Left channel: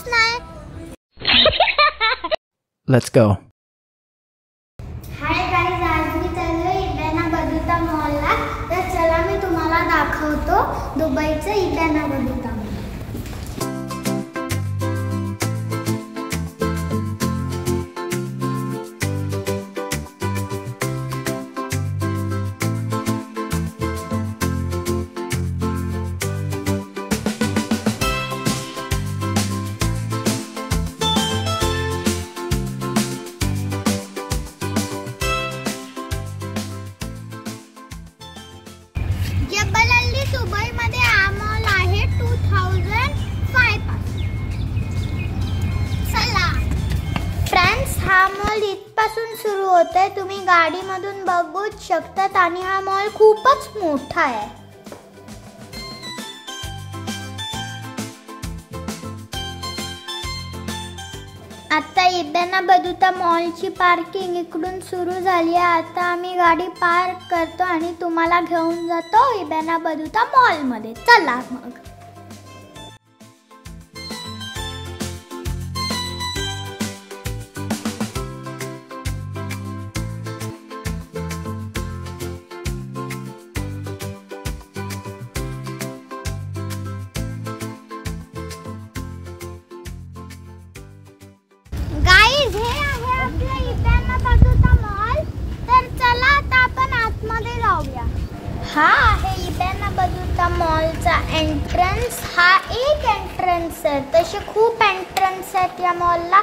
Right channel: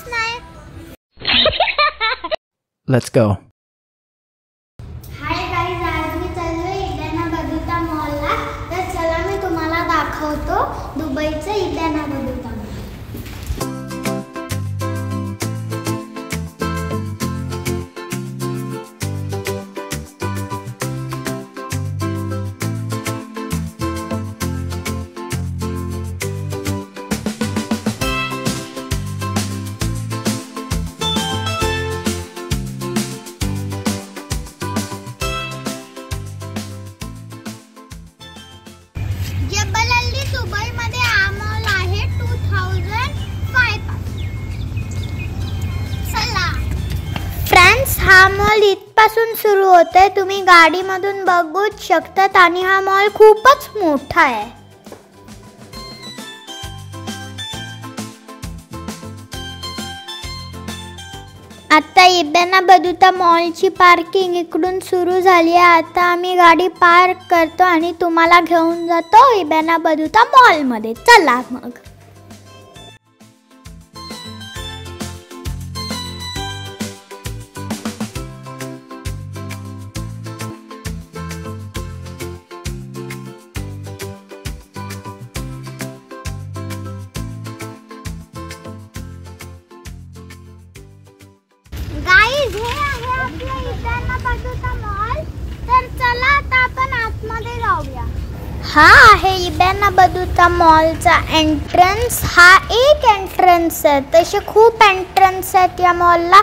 काहीच नाही. Let's go. Hi guys, आज मी चाललोय इडाना बदुता मॉलला. तर चला मी तुम्हाला दाखवतो दुबईचं इडाना बदुता मॉल. दुबईमध्ये हा मॉल आहे 2005 पासून. चला फ्रेंड्स, हा मॉल इथपासून सुरू होतोय. तुम्ही गाडीमधून बघूच शकतात आणि हा मॉल खूपच मोठा आहे. आता इडाना बदुता मॉलची पार्किंग इकडून सुरू झाली आहे. आता आम्ही गाडी पार्क करतो आणि तुम्हाला घेऊन जातो इडाना बदुता मॉलमध्ये. चला मग. गाईज, हे आहे आपलं इडाना बदुता मॉल. तर चला आता आपण आतमध्ये जाऊया. हा आहे इडाना बदुता मॉलचा एंट्रन्स. हा एक एंट्रन्स आहे. तसे खूप एंट्रन्स आहेत या मॉलला,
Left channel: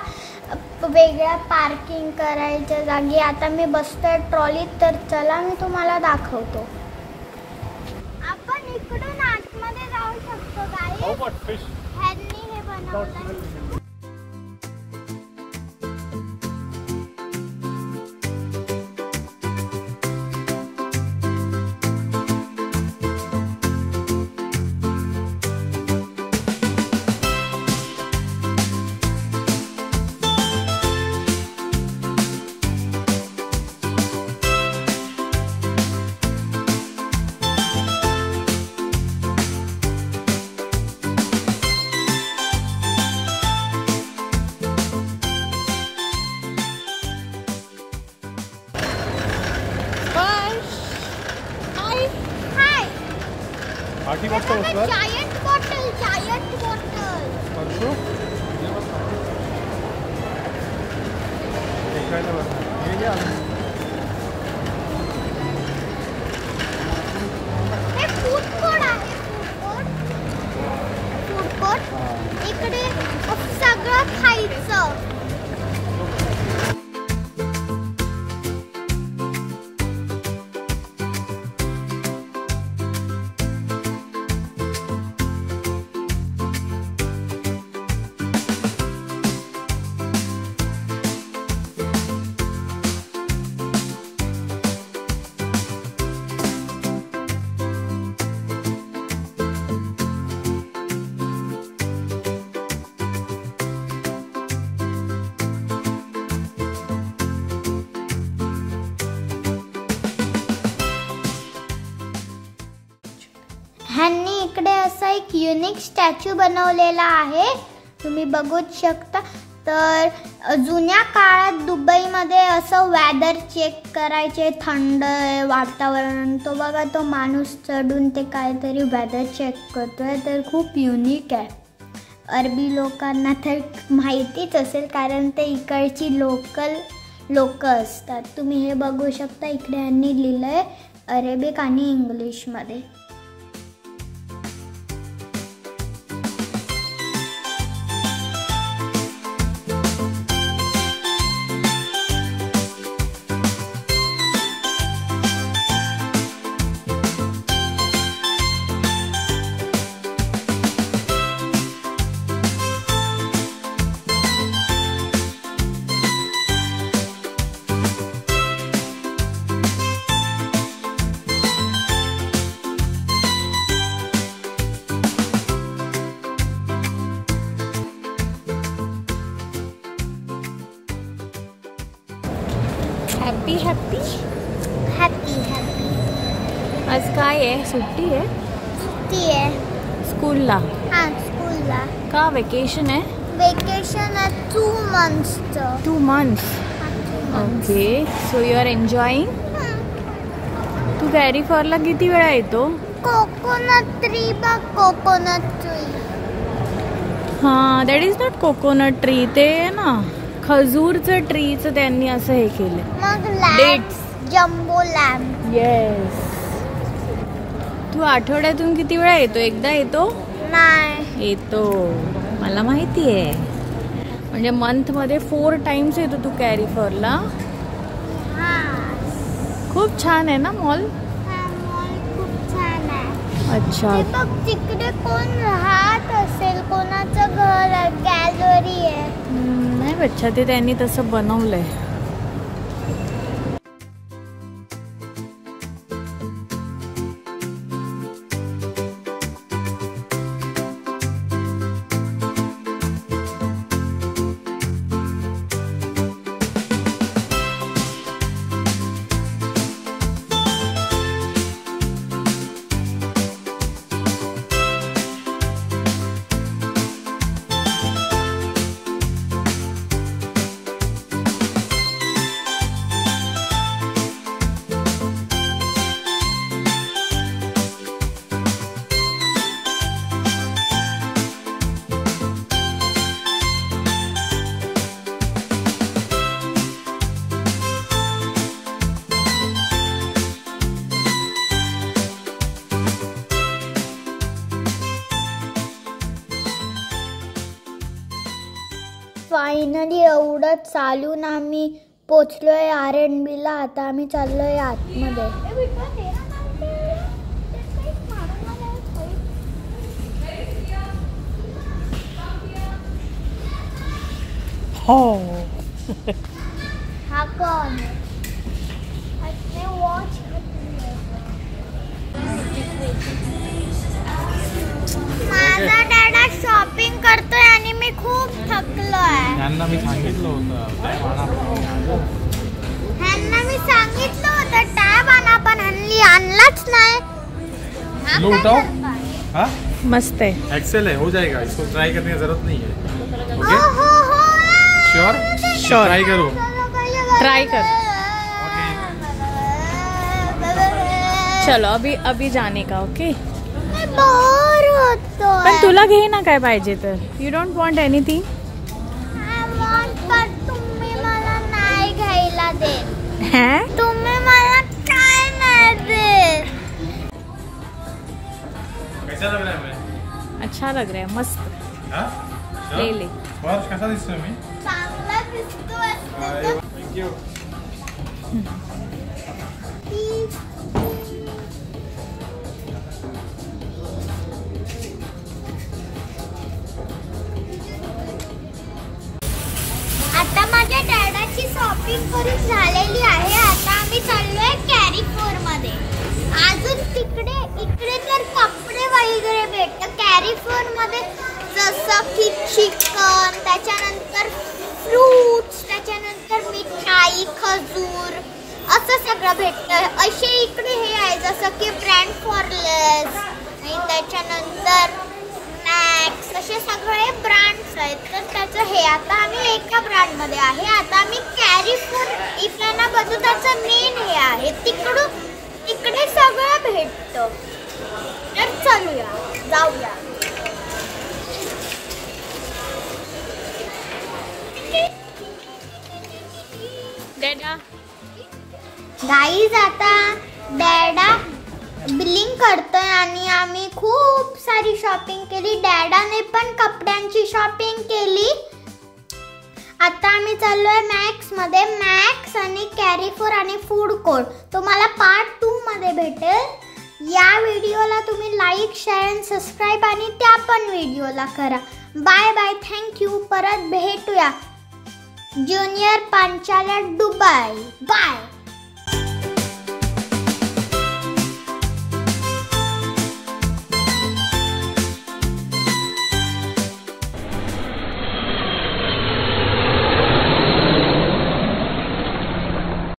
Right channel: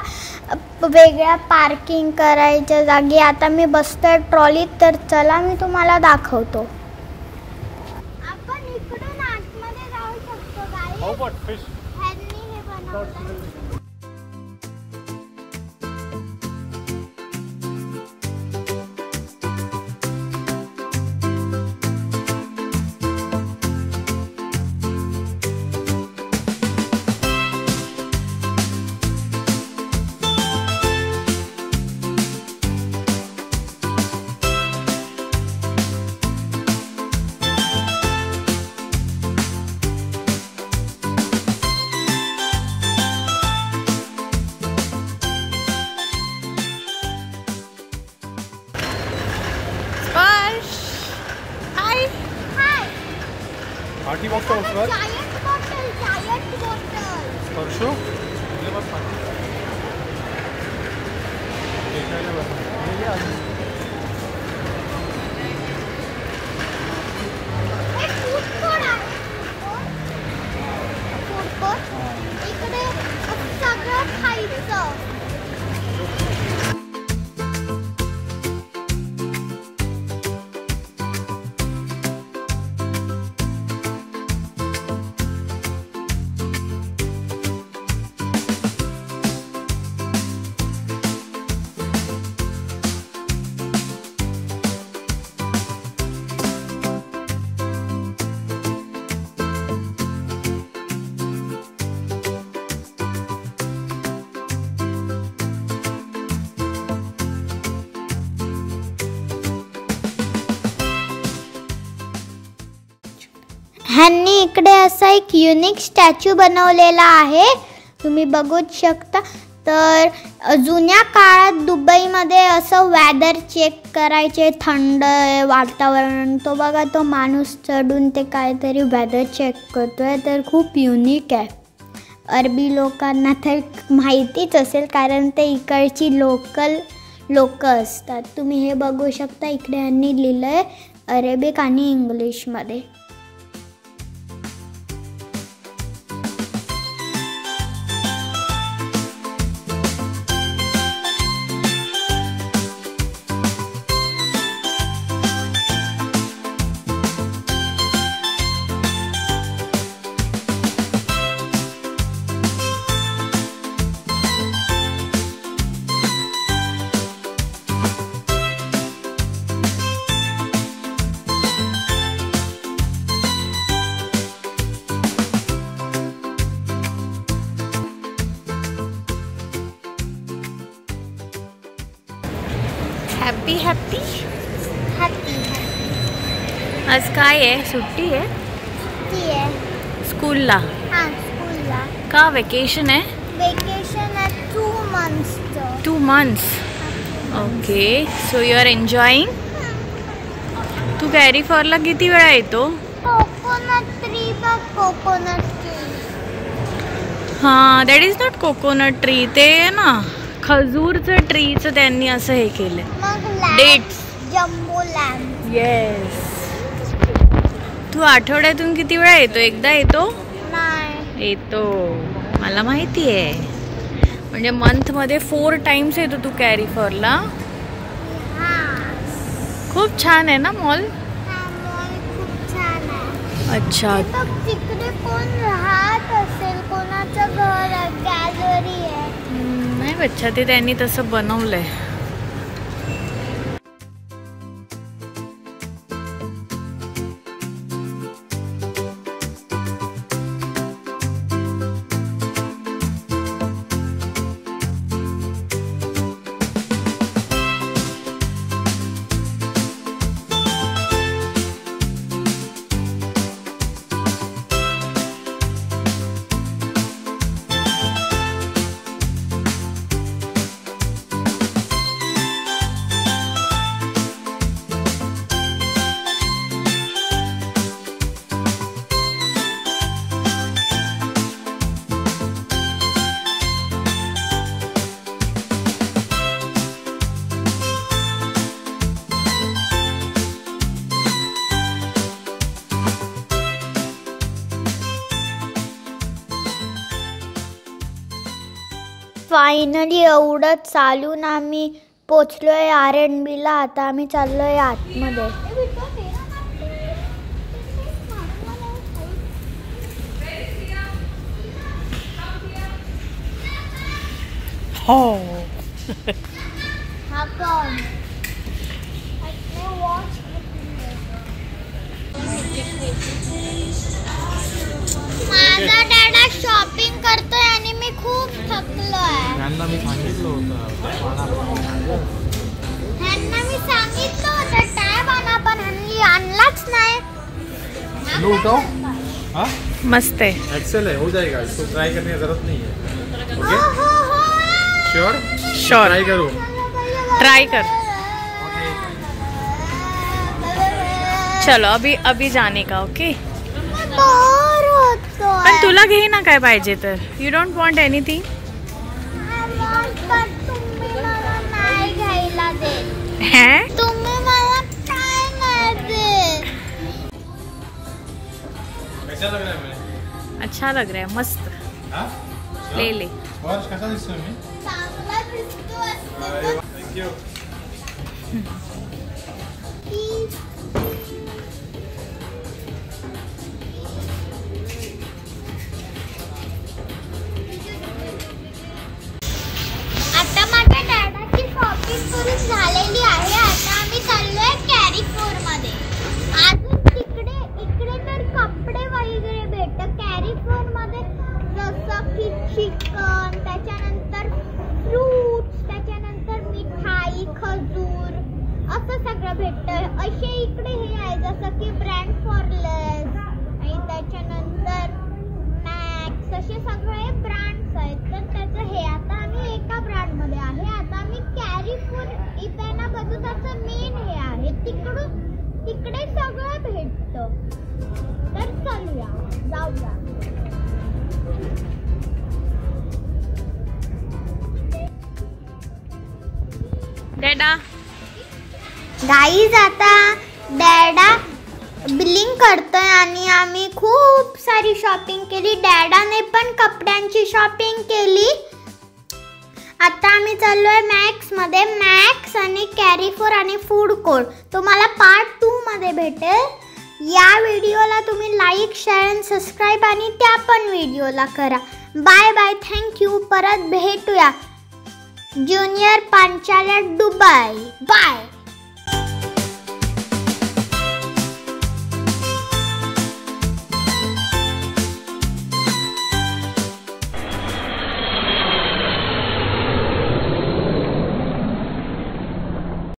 वेगळ्या पार्किंग करायच्या जागी. आता मी बसतोय ट्रॉलीत, तर चला मी तुम्हाला दाखवतो. आपण इकडून आतमध्ये जाऊ शकतो गाईज. ह्यांनी हे बनवलंय. Giant bottle. Parshu food court. इकडे सगळं खायचं. ह्यांनी इकडे असा एक युनिक स्टॅच्यू बनवलेला आहे, तुम्ही बघूच शकता. तर जुन्या काळात दुबईमध्ये असं वेदर चेक करायचे, थंड वातावरण. तो बघा, तो माणूस चढून ते काहीतरी वेदर चेक करतोय. तर खूप युनिक आहे. अरबी लोकांना तर माहितीच असेल, कारण ते इकडची लोक असतात. तुम्ही हे बघू शकता. इकडे यांनी लिहिलं आहे अरेबिक आणि इंग्लिशमध्ये. हॅपी हॅपी हॅपी आज काय आहे? सुट्टी आहे? सुट्टी आहे स्कूलला? हां, स्कूलला. का वेकेशन आहे? vacation at 2 months. 2 months. Okay, so you are enjoying? तू कॅरी फॉरला किती वेळा येतो? कोकोनट ट्री बघ, कोकोनट ट्री. हां, that is not coconut tree. ते ना खजूरचं ट्रीचं त्यांनी असं हे केलं. मग डेट्स. Jumbo lamp. येस. तू आठवड्यातून किती वेळा येतो? एकदा येतो? नाही येतो, मला माहिती आहे. म्हणजे मंथ मध्ये 4 टाइम्स येतो तू कॅरी फॉरला. खूप छान आहे ना मॉल. खूप छान आहे. अच्छा. बघ तिकडे कोण राहत असेल, कोणाचं घर आहे, गॅलरी आहे. नाही बच्चा, ते त्यांनी तसं बनवलंय. फायनली एवढं चालून आम्ही पोचलोय R&B ला. आता आम्ही चाललोय आतमध्ये. हो. हा कोण? माझा डॅडा शॉपिंग करतोय आणि मी खूप थकलोय. ह्यांना मी सांगितलं होतं टॅब आणा, पण हल्ली आणलाच नाही. लो उठाओ. हाँ मस्त आहे. एक्सेल है, हो जाएगा. इसको ट्राई करने की जरूरत नहीं है. हो हो हो. Sure sure. ट्राई करो. ट्राई कर. चलो अभी जाने का. ओके. बोर होतो. पण तुला घे ना काय पाहिजे तर. You don't want anything? पण तुम्ही मला नाही घ्यायला देत. हैं? तुम्ही मला काय नाही देत. कैसा लग रहा है मैं? अच्छा लग रहा है. मस्त. हाँ? ले ले. वर्ष कसा दिसतोय मी? चांगला दिसतो. थँक्यू. आता माझ्या डॅडाची शॉपिंग करून झालेली आहे. आता आम्ही चाललोय कॅरी फोर मध्ये. अजून इकडे तर कपडे वगैरे भेटतात कॅरी फोर मध्ये, जसं की चिकन, त्याच्यानंतर फ्रूट्स, त्याच्यानंतर मिठाई, खजूर, असं सगळं भेटतं. असे इकडे हे आहे जसं की ब्रँड फॉरलेस आणि त्याच्यानंतर मॅक्स, असे सगळे ब्रँड्स आहेत. तर त्याचं हे आता आम्ही एका ब्रँड मध्ये आहे. आता आम्ही कॅरी फोर इकडे बघू, त्याचं मेन हे आहे. तिकडे सगळं भेटतं. तर चलूया, जाऊया. डॅडा. गाईज आता डॅडा बिलिंग करतोय आणि आम्ही खूप सारी शॉपिंग केली. डॅडाने पण कपड्यांची शॉपिंग केली. आता आम्ही चाललोय मॅक्स मध्ये. मॅक्स आणि कॅरी फोर आणि फूड कोर्ट तुम्हाला पार्ट 2 मध्ये भेटेल. या व्हिडिओला तुम्ही लाईक, शेअर आणि सबस्क्राईब आणि त्या पण व्हिडिओला करा. Bye bye. थँक्यू. परत भेटूया. ज्युनियर पांचाल्या दुबई. बाय.